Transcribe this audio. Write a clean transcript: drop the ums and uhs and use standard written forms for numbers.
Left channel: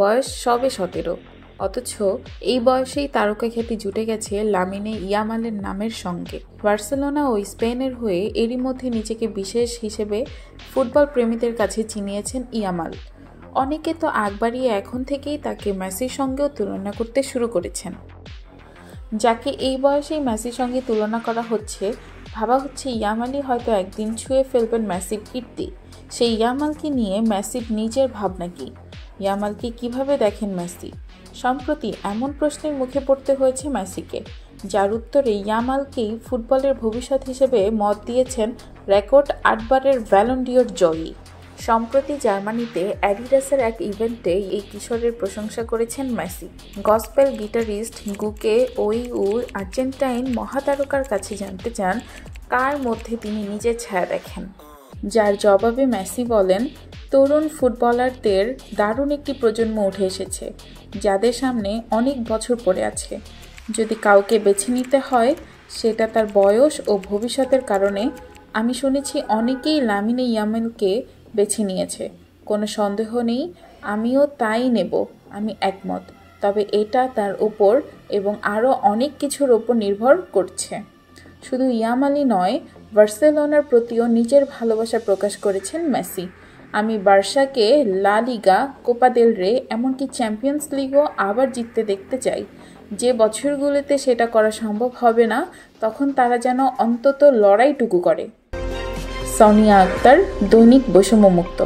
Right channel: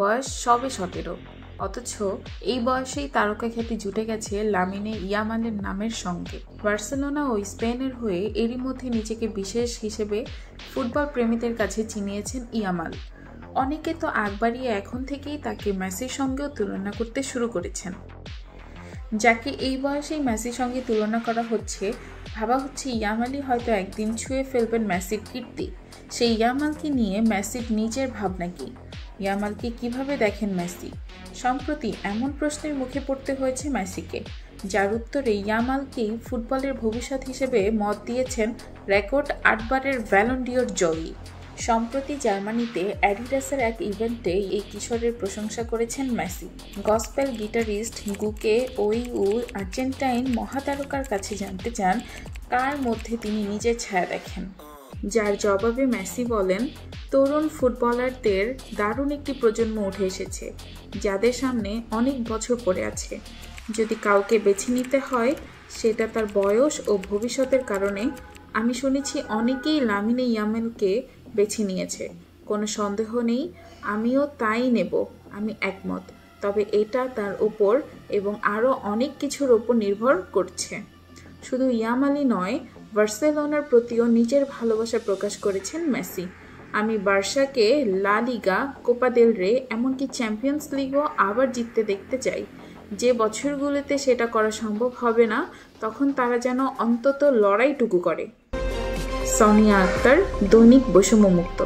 বয়স সবে 17, অথচ এই বয়সেই তারকা খ্যাতি জুটে গেছে লামিনে ইয়ামালের নামের সঙ্গে। বার্সেলোনা ও স্পেনের হয়ে এরই মধ্যে নিজেকে বিশেষ হিসেবে ফুটবল প্রেমীদের কাছে চিনিয়েছেন ইয়ামাল। অনেকে তো আগ বাড়িয়ে এখন থেকেই তাকে মেসির সঙ্গেও তুলনা করতে শুরু করেছেন। যাকে এই বয়সেই মেসির সঙ্গে তুলনা করা হচ্ছে, ভাবা হচ্ছে ইয়ামালই হয়তো একদিন ছুঁয়ে ফেলবেন মেসির কীর্তি। সেই ইয়ামালকে নিয়ে মেসির নিজের ভাবনা কি? ইয়ামালকে কিভাবে দেখেন মেসি? সম্প্রতি এমন প্রশ্নের মুখে পড়তে হয়েছে মেসিকে, যার উত্তরে ইয়ামালকেই ফুটবলের ভবিষ্যৎ হিসেবে মত দিয়েছেন রেকর্ড 8 বারের ব্যালন ডিওর জয়ী। সম্প্রতি জার্মানিতে অ্যাডিডাসের এক ইভেন্টে এই কিশোরের প্রশংসা করেছেন Messi. Gospel guitarist গুকে Oyu Argentine মহাতারকার কাছে জানতে চান কার মধ্যে তিনি নিজের ছায়া দেখেন, যার জবাবে মেসি বলেন, তরুণ ফুটবলারদের দারুণ একটি প্রজন্ম উঠে এসেছে, যাদের সামনে অনেক বছর পড়ে আছে। যদি কাউকে বেছে নিতে হয়, সেটা তার বয়স ও ভবিষ্যতের কারণে। আমি শুনেছি অনেকেই লামিনে ইয়ামালকে বেছে নিয়েছে, কোনো সন্দেহ নেই, আমিও তাই নেব, আমি একমত। তবে এটা তার উপর এবং আরও অনেক কিছুর ওপর নির্ভর করছে। শুধু ইয়ামালই নয়, বার্সেলোনার প্রতিও নিজের ভালোবাসা প্রকাশ করেছেন মেসি। আমি বার্সাকে লা লিগা, কোপা দেল রে, এমনকি চ্যাম্পিয়ন্স লিগও আবার জিততে দেখতে চাই। যে বছরগুলোতে সেটা করা সম্ভব হবে না, তখন তারা যেন অন্তত লড়াইটুকু করে। সোনিয়া আক্তার, দৈনিক বৈষম্যমুক্ত।